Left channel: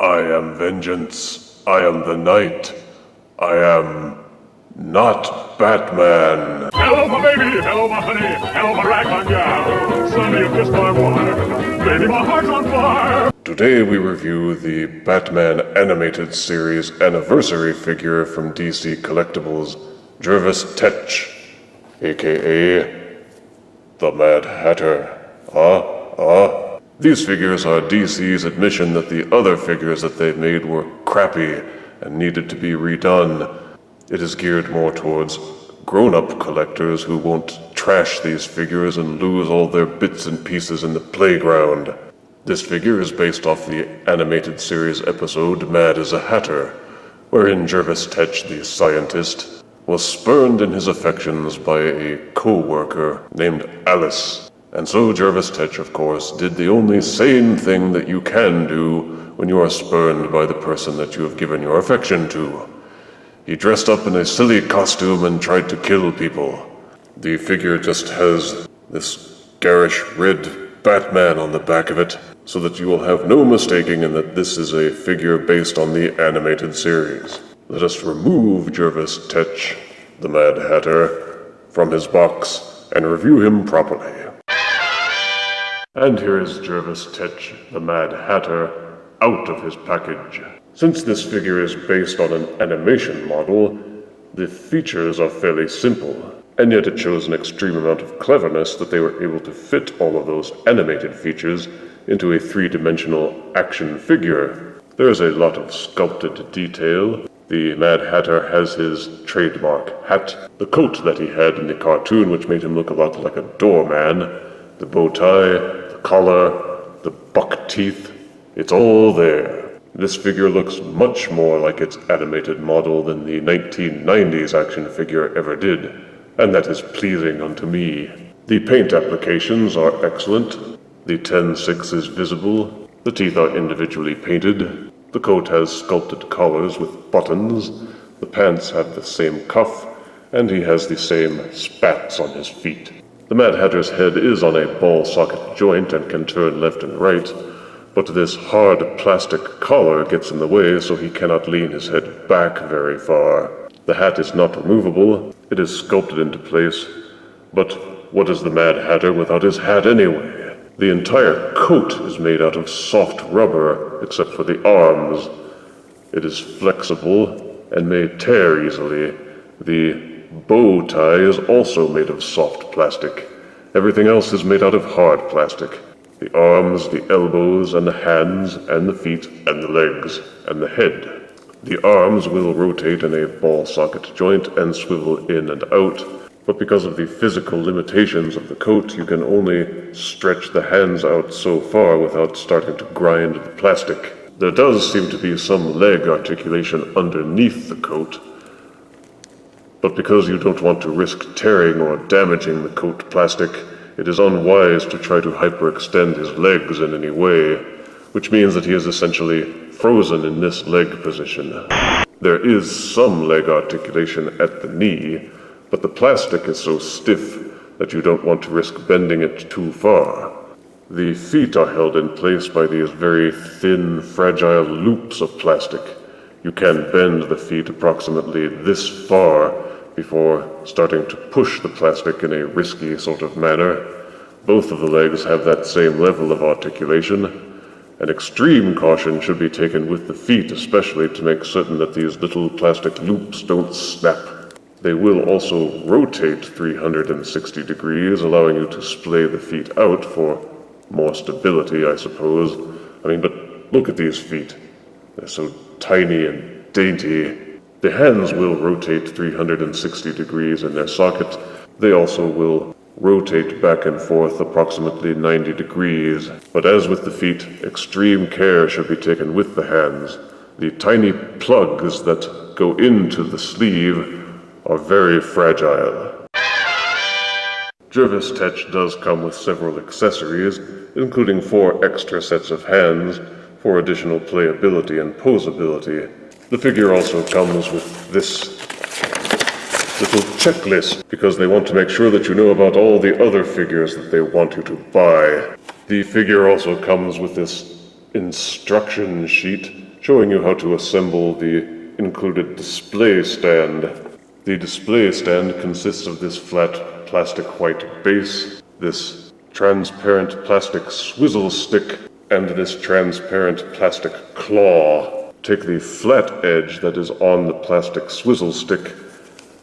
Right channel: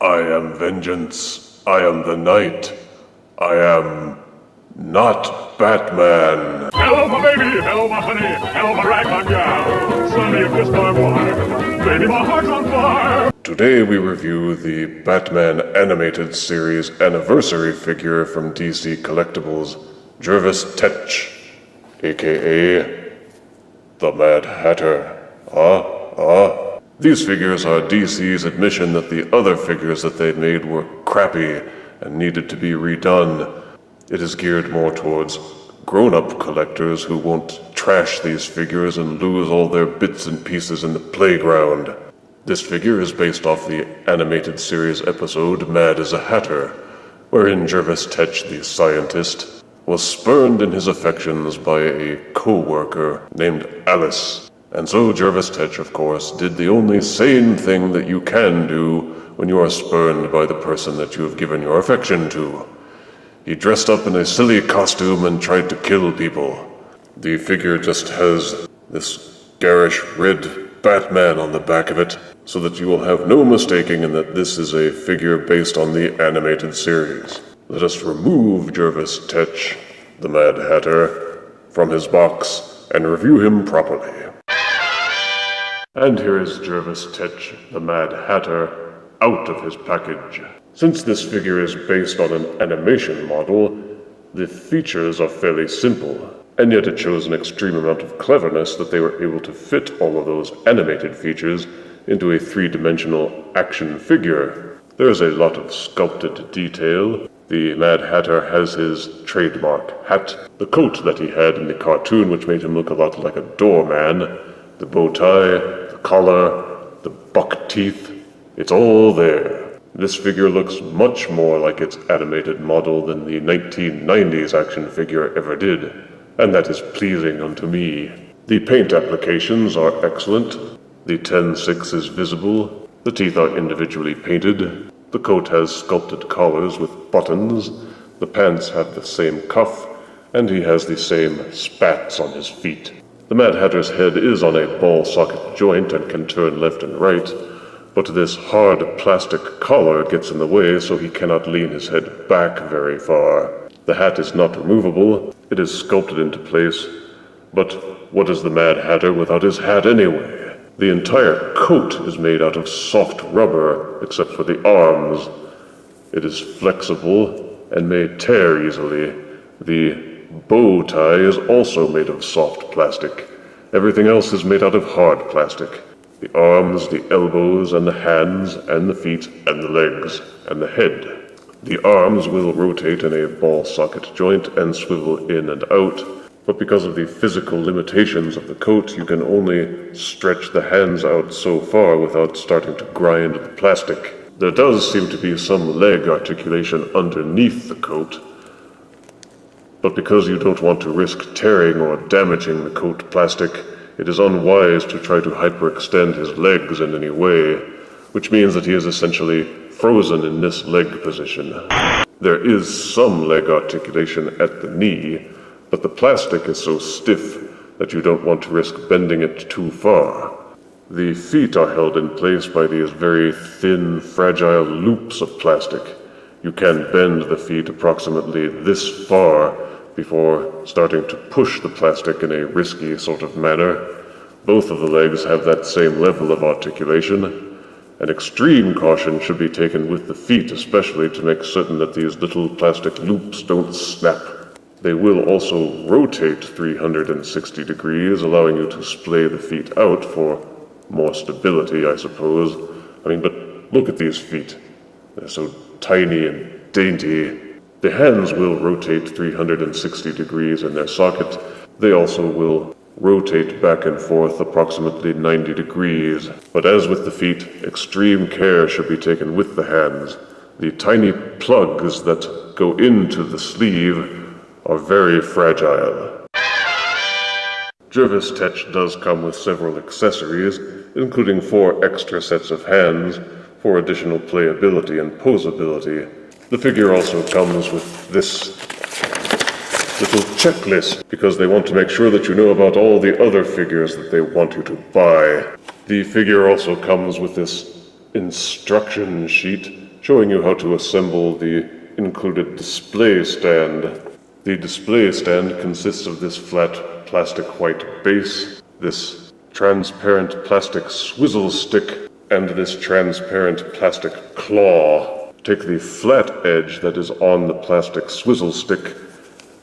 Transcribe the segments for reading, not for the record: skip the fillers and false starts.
I am vengeance. I am the night. I am not Batman. Hello, my baby. Hello, my honey. Hello, my ragtime gal. Sonny, you kissed my wife. Baby, my heart's on fire. Today we review the Batman Animated Series anniversary figure from DC Collectibles, Jervis Tetch, aka the Mad Hatter. These figures are DC's admission that the other figures that they made were crappy and needed to be redone. It is geared more towards grown-up collectors who won't trash these figures and lose all their bits and pieces in the playground. This figure is based off the animated series episode Mad as a Hatter, wherein Jervis Tetch, the scientist, was spurned in his affections by a co-worker named Alice. And so Jervis Tetch, of course, did the only sane thing that you can do when you are spurned by the person that you have given your affection to. He dressed up in a silly costume and tried to kill people. The figure just has this garish red Batman on the back of it, so that you will have no mistaking in that this is a figure based on the animated series. Let us remove Jervis Tetch, the Mad Hatter, from his box and review him properly. And here is Jervis Tetch, the Mad Hatter, out of his package. Since this figure is based on an animation model, the features are fairly simple, and yet it shows an extreme amount of cleverness that they were able to fit all of those animated features into a three-dimensional action figure. There is a lot of sculpted detail. The Mad Hatter has his trademark hat, the coat that he had in the cartoon, which made him look a lot like a doorman, the bow tie, the collar, the buck teeth. It's all there. This figure looks much more like its animated model than the 1990s action figure ever did, and that is pleasing unto me. The paint applications are excellent. The 10-6 is visible. The teeth are individually painted. The coat has sculpted collars with buttons. The pants have the same cuff, and he has the same spats on his feet. The Mad Hatter's head is on a ball socket joint and can turn left and right, but this hard plastic collar gets in the way, so he cannot lean his head back very far. The hat is not removable. It is sculpted into place. But what is the Mad Hatter without his hat anyway? The entire coat is made out of soft rubber, except for the arms. It is flexible and may tear easily. The bow tie is also made of soft plastic. Everything else is made out of hard plastic. The arms, the elbows, and the hands, and the feet, and the legs, and the head. The arms will rotate in a ball socket joint and swivel in and out, but because of the physical limitations of the coat, you can only stretch the hands out so far without starting to grind the plastic. There does seem to be some leg articulation underneath the coat, but because you don't want to risk tearing or damaging the coat plastic, it is unwise to try to hyperextend his legs in any way, which means that he is essentially frozen in this leg position. There is some leg articulation at the knee, but the plastic is so stiff that you don't want to risk bending it too far. The feet are held in place by these very thin, fragile loops of plastic. You can bend the feet approximately this far before starting to push the plastic in a risky sort of manner. Both of the legs have that same level of articulation, and extreme caution should be taken with the feet, especially to make certain that these little plastic loops don't snap. They will also rotate 360 degrees, allowing you to splay the feet out for more stability, I suppose. But look at these feet. They're so tiny and dainty. The hands will rotate 360 degrees in their socket. They also will rotate back and forth approximately 90 degrees. But as with the feet, extreme care should be taken with the hands. The tiny plugs that go into the sleeve are very fragile. Jervis Tetch does come with several accessories, including 4 extra sets of hands for additional playability and posability. The figure also comes with this little checklist, because they want to make sure that you know about all the other figures that they want you to buy. The figure also comes with this instruction sheet showing you how to assemble the included display stand. The display stand consists of this flat plastic white base, this transparent plastic swizzle stick, and this transparent plastic claw. Take the flat edge that is on the plastic swizzle stick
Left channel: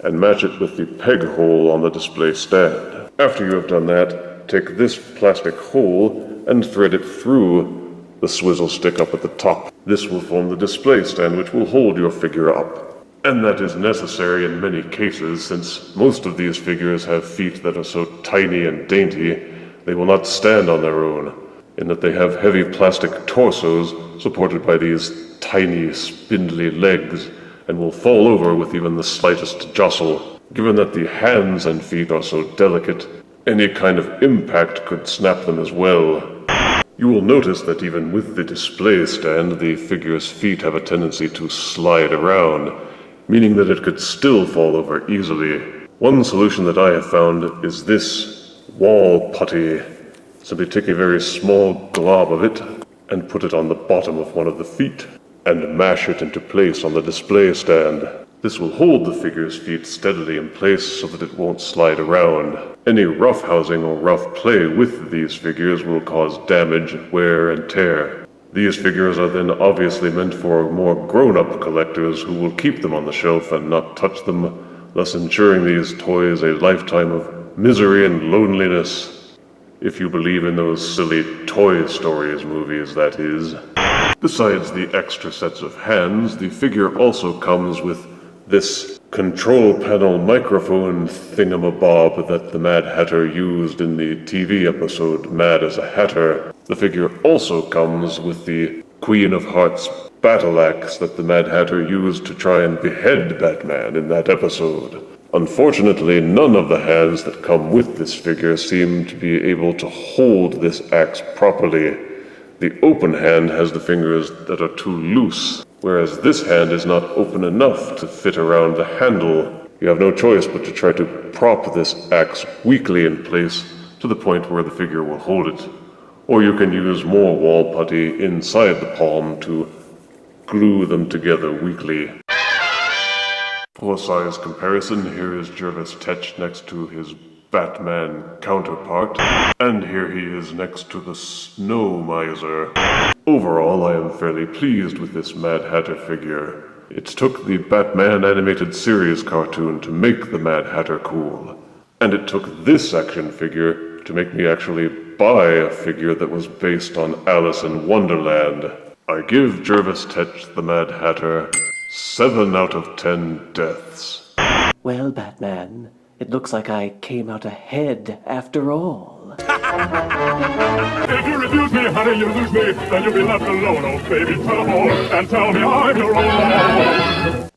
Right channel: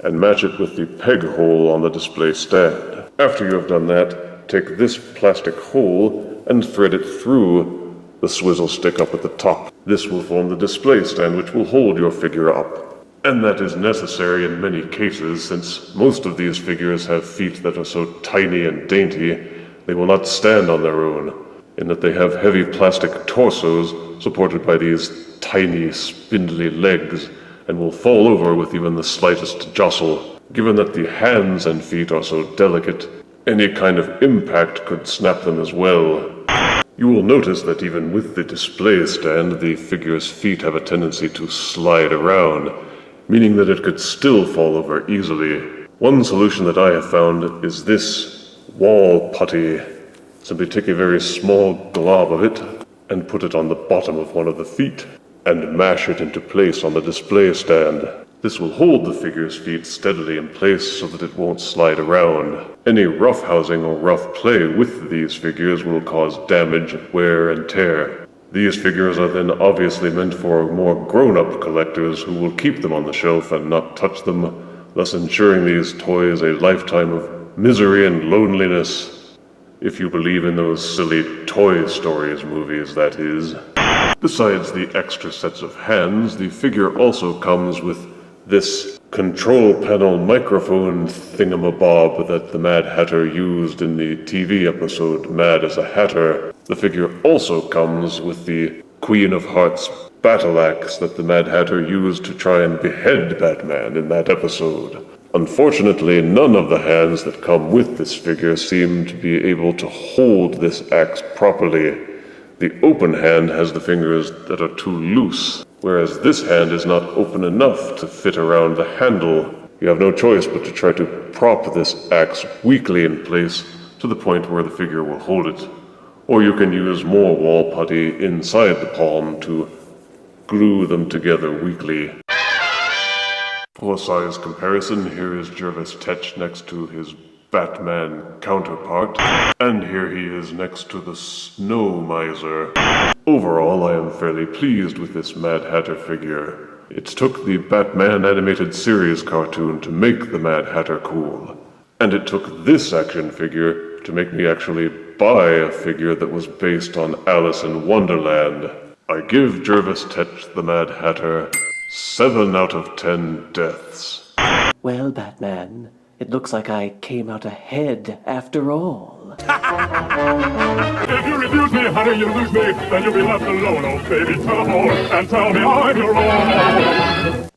and match it with the peg hole on the display stand. After you have done that, take this plastic hole and thread it through the swizzle stick up at the top. This will form the display stand which will hold your figure up. And that is necessary in many cases, since most of these figures have feet that are so tiny and dainty, they will not stand on their own, in that they have heavy plastic torsos supported by these tiny, spindly legs, and will fall over with even the slightest jostle. Given that the hands and feet are so delicate, any kind of impact could snap them as well. You will notice that even with the display stand, the figure's feet have a tendency to slide around, meaning that it could still fall over easily. One solution that I have found is this wall putty. Simply take a very small glob of it and put it on the bottom of one of the feet, and mash it into place on the display stand. This will hold the figure's feet steadily in place so that it won't slide around. Any roughhousing or rough play with these figures will cause damage, wear, and tear. These figures are then obviously meant for more grown-up collectors who will keep them on the shelf and not touch them, thus ensuring these toys a lifetime of misery and loneliness. If you believe in those silly Toy Stories movies, that is. Besides the extra sets of hands, the figure also comes with this control panel microphone thingamabob that the Mad Hatter used in the TV episode Mad as a Hatter. The figure also comes with the Queen of Hearts battle axe that the Mad Hatter used to try and behead Batman in that episode. Unfortunately, none of the hands that come with this figure seem to be able to hold this axe properly. The open hand has the fingers that are too loose, whereas this hand is not open enough to fit around the handle. You have no choice but to try to prop this axe weakly in place to the point where the figure will hold it. Or you can use more wall putty inside the palm to glue them together weakly. For size comparison, here is Jervis Tetch next to his Batman counterpart, and here he is next to the Snow Miser. Overall, I am fairly pleased with this Mad Hatter figure. It took the Batman animated series cartoon to make the Mad Hatter cool, and it took this action figure to make me actually buy a figure that was based on Alice in Wonderland. I give Jervis Tetch the Mad Hatter 7 out of 10 deaths. Well, Batman, it looks like I came out ahead after all. If you refuse me, honey, you lose me. Then you'll be left alone, oh baby. Tell them all and tell me I'm your own.